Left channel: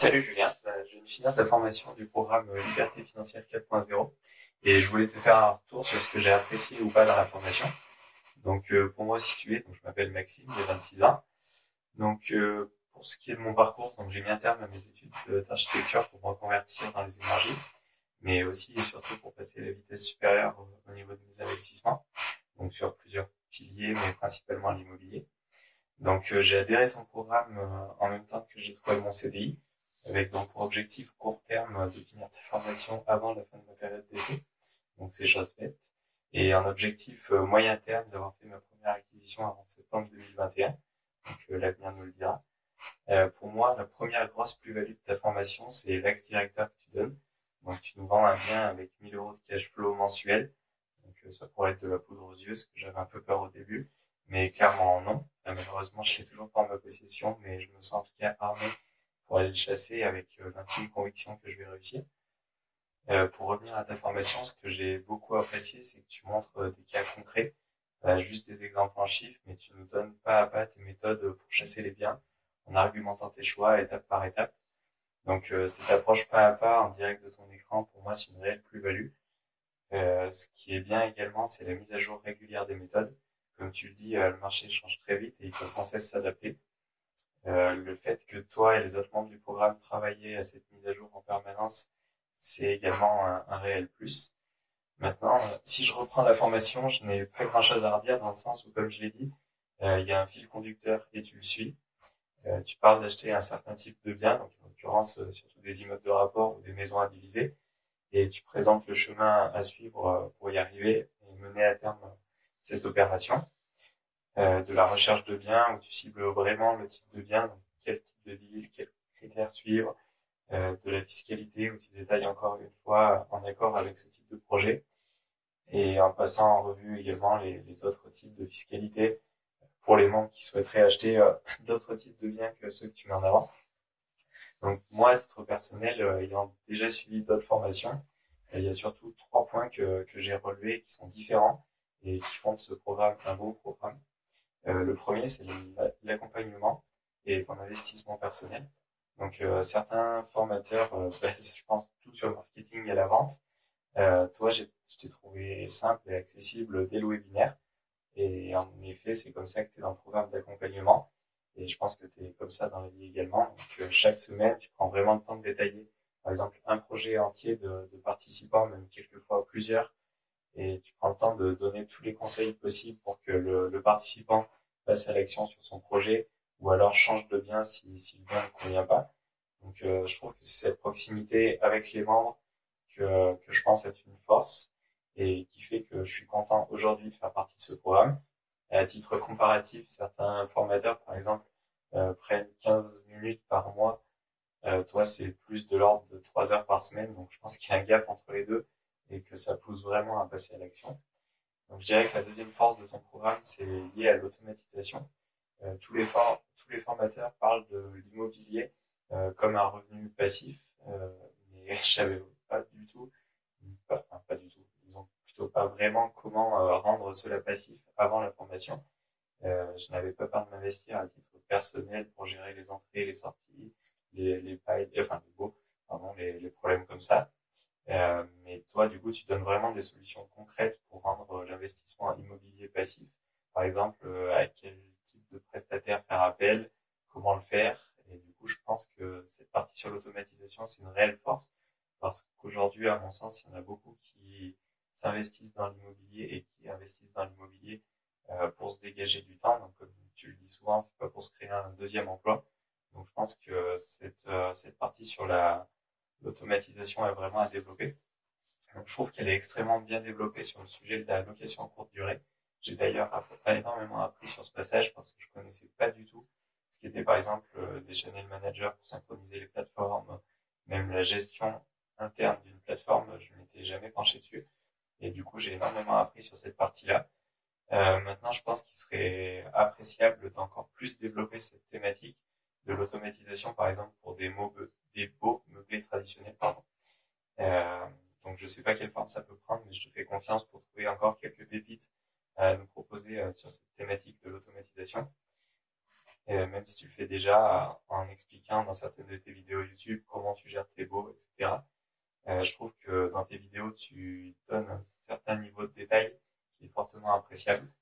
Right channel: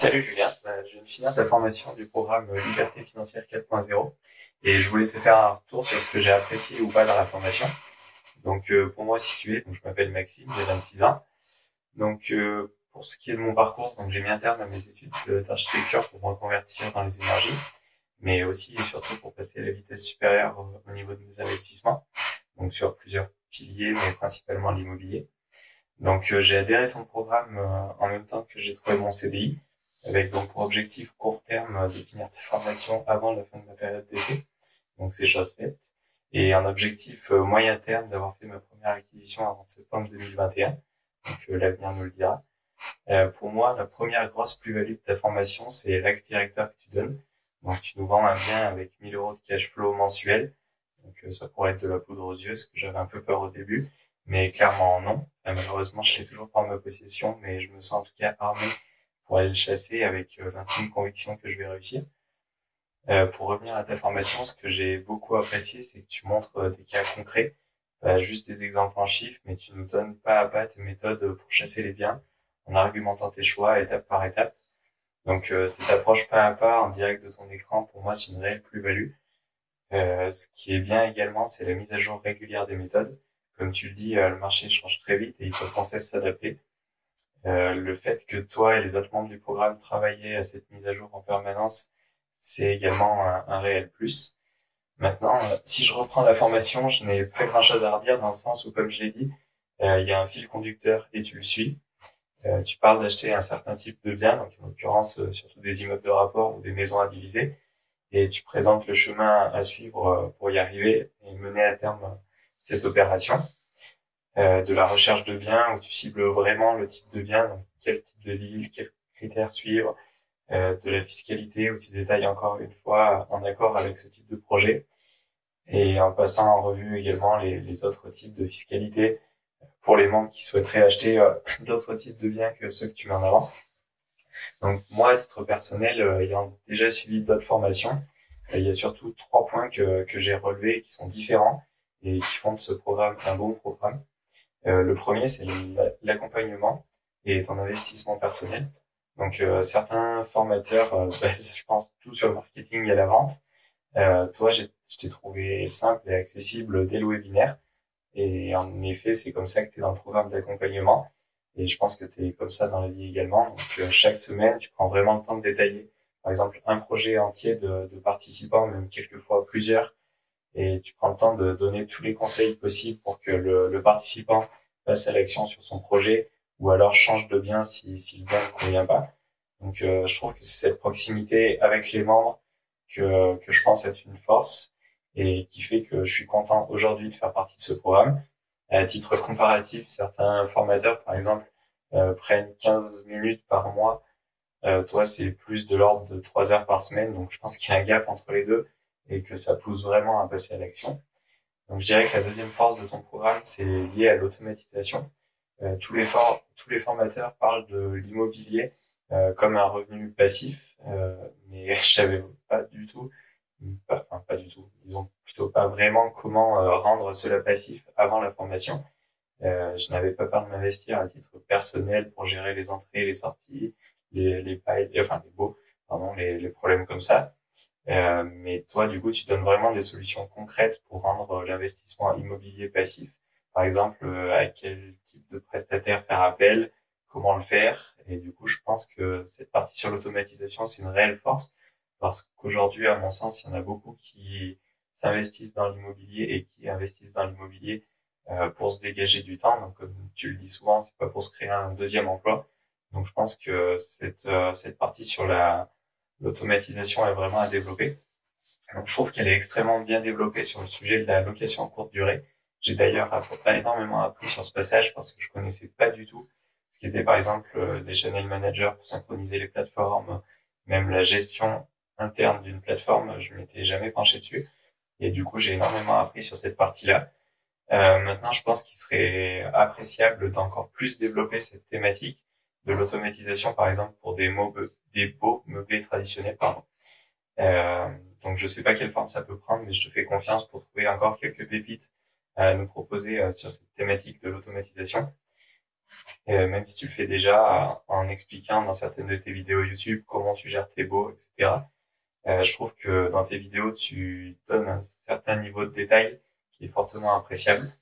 Salut Julien. Je viens de finir ta formation du programme Liberté financière 4.0 et je voulais te faire un retour sur ce que j'ai apprécié ou pas dans la formation. Donc pour moi situé, donc je m'appelle Maxime, j'ai 26 ans. Donc pour ce qui est de mon parcours, donc j'ai mis un terme à mes études d'architecture pour me reconvertir dans les énergies, mais aussi et surtout pour passer à la vitesse supérieure au niveau de mes investissements, donc sur plusieurs piliers, mais principalement l'immobilier. Donc j'ai adhéré à ton programme en même temps que j'ai trouvé mon CDI, avec donc pour objectif court terme de finir ta formation avant la fin de ma période d'essai. Donc c'est chose faite. Et un objectif moyen terme d'avoir fait ma première acquisition avant septembre 2021. Donc l'avenir nous le dira. Pour moi, la première grosse plus-value de ta formation, c'est l'axe directeur que tu donnes. Donc tu nous vends un bien avec 1000 euros de cash flow mensuel. Donc ça pourrait être de la poudre aux yeux, ce que j'avais un peu peur au début. Mais clairement non. Malheureusement, je l'ai toujours pas en ma possession, mais je me sens en tout cas armé pour aller le chasser avec l'intime conviction que je vais réussir. Pour revenir à ta formation, ce que j'ai beaucoup apprécié, c'est que tu montres des cas concrets, pas juste des exemples en chiffres, mais tu nous donnes pas à pas tes méthodes pour chasser les biens, en argumentant tes choix étape par étape. Donc cette approche pas à pas en direct de ton écran, pour moi, c'est une réelle plus-value. Ce qui est bien également, c'est la mise à jour régulière des méthodes. Comme tu le dis, le marché change très vite et il faut sans cesse s'adapter. Le fait que toi et les autres membres du programme travaillent à cette mise à jour en permanence, c'est également un réel plus. Maintenant, si je reprends la formation, je n'ai pas grand-chose à redire dans le sens où, comme je l'ai dit, il y a un fil conducteur et tu le suis. Tu parles d'acheter un certain type de bien, donc en l'occurrence surtout des immeubles de rapport ou des maisons à diviser, et tu présentes le chemin à suivre pour y arriver et mener à terme cette opération. De la recherche de biens où tu cibles vraiment le type de bien, donc quel type de ville, quels critères suivre, de la fiscalité où tu détailles encore une fois en accord avec ce type de projet et en passant en revue également les autres types de fiscalité pour les membres qui souhaiteraient acheter d'autres types de biens que ceux que tu mets en avant. Donc moi, à titre personnel, ayant déjà suivi d'autres formations, il y a surtout trois points que j'ai relevés qui sont différents et qui font de ce programme un bon programme. Le premier, c'est l'accompagnement et ton investissement personnel. Donc certains formateurs basent, je pense, tout sur le marketing et la vente. Toi, je t'ai trouvé simple et accessible dès le webinaire. Et en effet, c'est comme ça que tu es dans le programme d'accompagnement. Et je pense que tu es comme ça dans la vie également. Donc, chaque semaine, tu prends vraiment le temps de détailler, par exemple, un projet entier de participants, même quelquefois plusieurs. Et tu prends le temps de donner tous les conseils possibles pour que le participant passe à l'action sur son projet ou alors change de bien si le bien ne convient pas. Donc, je trouve que c'est cette proximité avec les membres que je pense être une force et qui fait que je suis content aujourd'hui de faire partie de ce programme. À titre comparatif, certains formateurs, par exemple, prennent 15 minutes par mois. Toi, c'est plus de l'ordre de 3 heures par semaine. Donc, je pense qu'il y a un gap entre les deux et que ça pousse vraiment à passer à l'action. Donc, je dirais que la deuxième force de ton programme, c'est lié à l'automatisation. Tous les formateurs parlent de l'immobilier comme un revenu passif, mais je savais pas du tout, enfin pas du tout, disons plutôt pas vraiment comment rendre cela passif avant la formation. Je n'avais pas peur de m'investir à titre personnel pour gérer les entrées, les sorties, les pailles, enfin les baux, pardon, les problèmes comme ça. Mais toi, du coup, tu donnes vraiment des solutions concrètes pour rendre l'investissement immobilier passif. Par exemple, à quel type de prestataire faire appel, comment le faire. Et du coup, je pense que cette partie sur l'automatisation, c'est une réelle force parce qu'aujourd'hui, à mon sens, il y en a beaucoup qui s'investissent dans l'immobilier et qui investissent dans l'immobilier pour se dégager du temps. Donc, comme tu le dis souvent, c'est pas pour se créer un deuxième emploi. Donc, je pense que cette partie sur l'automatisation est vraiment à développer. Donc, je trouve qu'elle est extrêmement bien développée sur le sujet de la location à courte durée. J'ai d'ailleurs énormément appris sur ce passage parce que je connaissais pas du tout ce qu'était par exemple des channel managers pour synchroniser les plateformes, même la gestion interne d'une plateforme, je m'étais jamais penché dessus. Et du coup, j'ai énormément appris sur cette partie-là. Maintenant, je pense qu'il serait appréciable d'encore plus développer cette thématique de l'automatisation, par exemple, pour des beaux meublés traditionnels, pardon. Euh, donc je sais pas quelle forme ça peut prendre, mais je te fais confiance pour trouver encore quelques pépites à nous proposer sur cette thématique de l'automatisation. même si tu le fais déjà en expliquant dans certaines de tes vidéos YouTube comment tu gères tes baux, etc. Je trouve que dans tes vidéos, tu donnes un certain niveau de détail qui est fortement appréciable.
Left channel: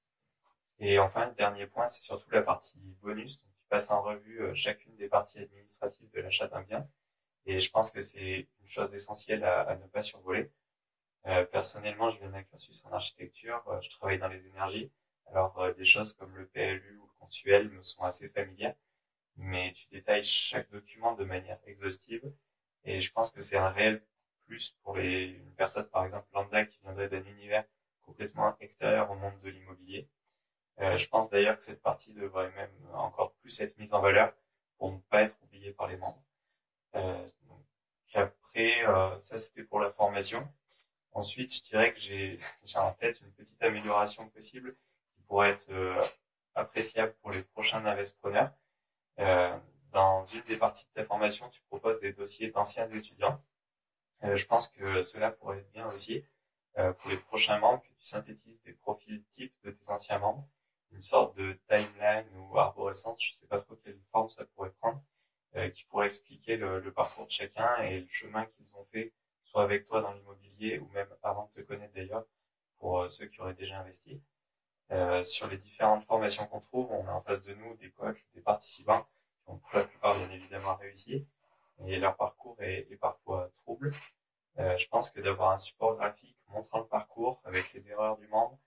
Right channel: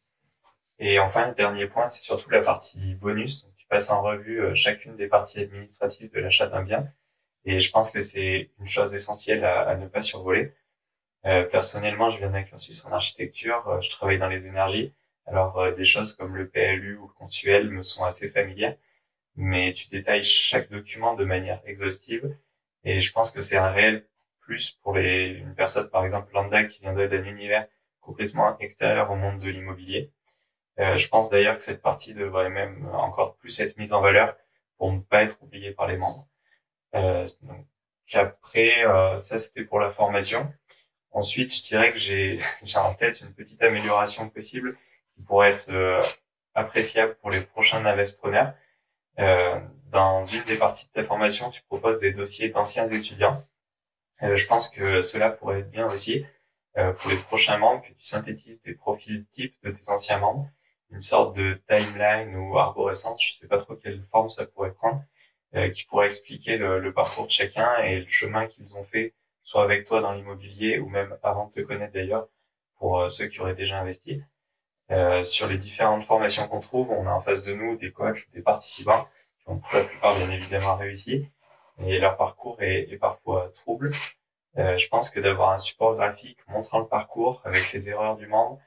Et enfin, le dernier point, c'est surtout la partie bonus. Donc, tu passes en revue chacune des parties administratives de l'achat d'un bien. Et je pense que c'est une chose essentielle à ne pas survoler. Personnellement, je viens d'un cursus en architecture, je travaille dans les énergies. Alors, des choses comme le PLU ou le consuel me sont assez familières, mais tu détailles chaque document de manière exhaustive. Et je pense que c'est un réel plus pour une personne, par exemple, lambda, qui viendrait d'un univers complètement extérieur au monde de l'immobilier. Je pense d'ailleurs que cette partie devrait même encore plus être mise en valeur pour ne pas être oubliée par les membres. Donc après, ça c'était pour la formation. Ensuite, je dirais que j'ai en tête une petite amélioration possible qui pourrait être appréciable pour les prochains investisseurs. Euh, Dans une des parties de ta formation, tu proposes des dossiers d'anciens étudiants. Je pense que cela pourrait être bien aussi pour les prochains membres, que tu synthétises des profils types de tes anciens membres, une sorte de timeline ou arborescence, je sais pas trop quelle forme ça pourrait prendre, qui pourrait expliquer le parcours de chacun et le chemin qu'ils ont fait, soit avec toi dans l'immobilier ou même avant de te connaître d'ailleurs, pour ceux qui auraient déjà investi. Sur les différentes formations qu'on trouve, on a en face de nous des coachs ou des participants qui ont pour la plupart bien évidemment réussi, et leur parcours est parfois trouble. Je pense que d'avoir un support graphique montrant le parcours avec les erreurs du membre,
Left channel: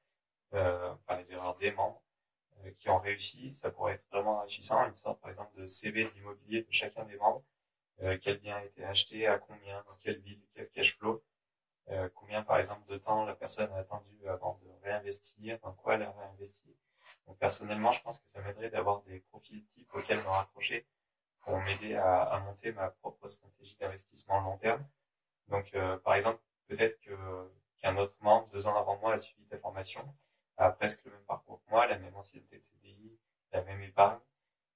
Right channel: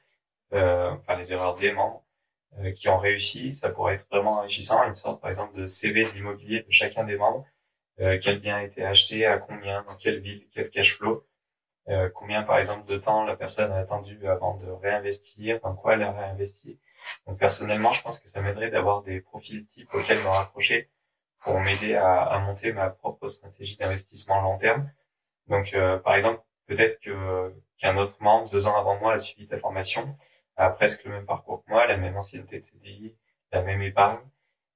enfin les erreurs des membres qui ont réussi, ça pourrait être vraiment enrichissant, une sorte par exemple de CV de l'immobilier de chacun des membres, quel bien a été acheté, à combien, dans quelle ville, quel cash flow, combien par exemple de temps la personne a attendu avant de réinvestir, dans quoi elle a réinvesti. Donc personnellement, je pense que ça m'aiderait d'avoir des profils types auxquels me raccrocher pour m'aider à monter ma propre stratégie d'investissement long terme. Donc, par exemple, peut-être qu'un autre membre, 2 ans avant moi, a suivi ta formation, a presque le même parcours que moi, la même ancienneté de CDI, la même épargne.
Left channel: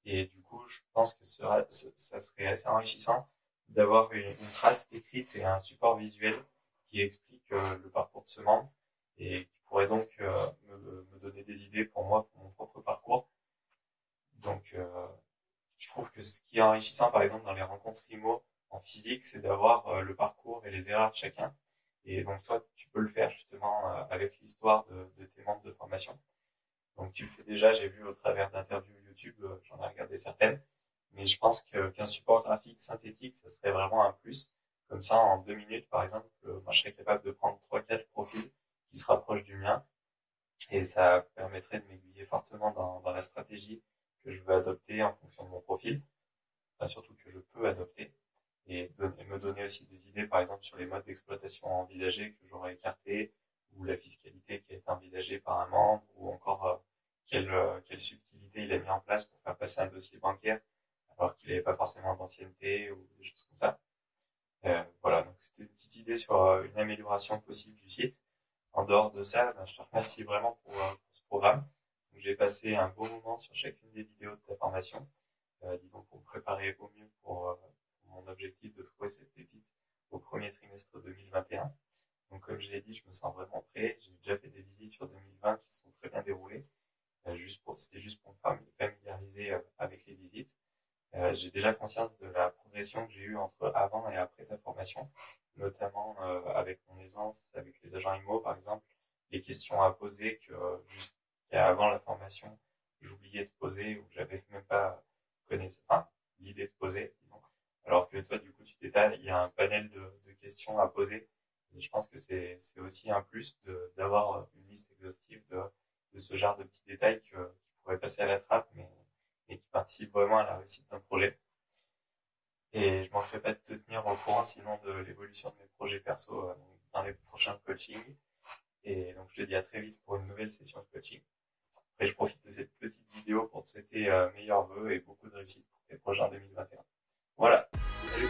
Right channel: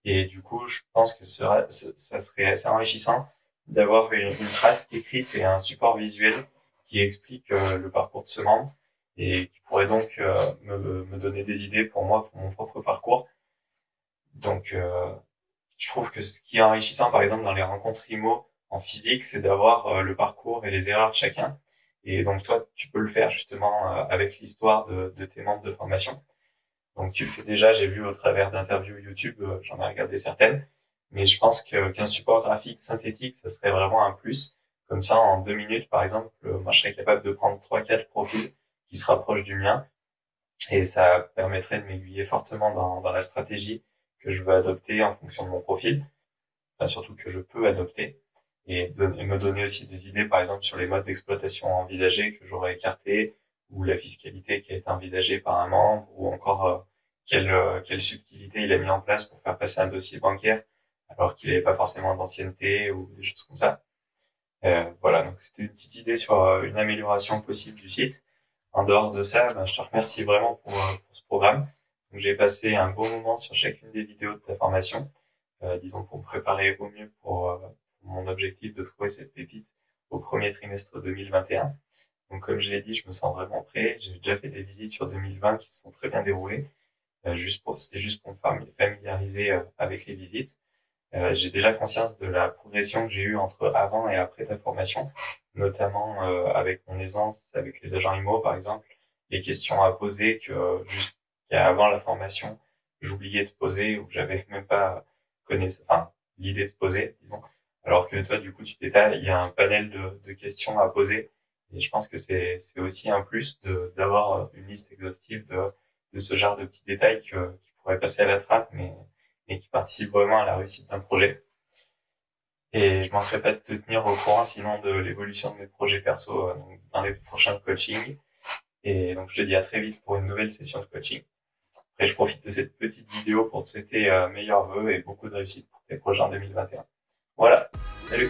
Et du coup, je pense que ça serait assez enrichissant d'avoir une trace écrite et un support visuel qui explique le parcours de ce membre et qui pourrait donc me donner des idées pour moi, pour mon propre parcours. Donc, je trouve que ce qui est enrichissant, par exemple, dans les rencontres IMO en physique, c'est d'avoir le parcours et les erreurs de chacun. Et donc, toi, tu peux le faire justement avec l'histoire de tes membres de formation. Donc, tu le fais déjà, j'ai vu au travers d'interviews YouTube, j'en ai regardé certaines. Mais je pense qu'un support graphique synthétique, ça serait vraiment un plus. Comme ça, en 2 minutes, par exemple, moi, je serais capable de prendre 3, 4 profils qui se rapprochent du mien et ça permettrait de m'aiguiller fortement dans la stratégie que je veux adopter en fonction de mon profil, enfin, surtout que je peux adopter, et me donner aussi des idées, par exemple, sur les modes d'exploitation envisagés que j'aurais écartés, ou la fiscalité qui a été envisagée par un membre, ou encore quelle subtilité il a mis en place pour faire passer un dossier bancaire alors qu'il n'avait pas forcément d'ancienneté ou des choses comme ça. Voilà, donc c'était une petite idée sur une amélioration possible du site. En dehors de ça, ben, je te remercie vraiment pour ce programme. Donc, j'ai passé un bon moment sur chacune des vidéos de ta formation, disons pour me préparer au mieux pour mon objectif de trouver cette pépite au premier trimestre 2021. Donc comme je l'ai dit, je me sens vraiment prêt. J'ai déjà fait des visites sur 2020 qui se sont très bien déroulées. C'était juste pour me familiariser avec les visites. J'ai déjà conscience de la progression que j'ai eue entre avant et après ta formation, notamment avec mon aisance, avec les agents IMO par exemple, les questions à poser que jusqu'à avant la formation, j'oubliais de poser ou j'avais même pas enfin, l'idée de poser, disons. Alors que toi, du coup, tu détailles, il y a un panel de questions à poser. Et je pense que c'est aussi un plus d'avoir une liste exhaustive de ce genre de petits détails qui pourraient passer à la trappe, mais qui participent vraiment à la réussite d'un projet. Et je ne manquerai pas de te tenir au courant sinon de l'évolution de mes projets perso dans les prochains coachings. Et donc je te dis à très vite pour une nouvelle session de coaching. Après, je profite de cette petite vidéo pour te souhaiter meilleurs vœux et beaucoup de réussite pour tes projets en 2021. Voilà, salut!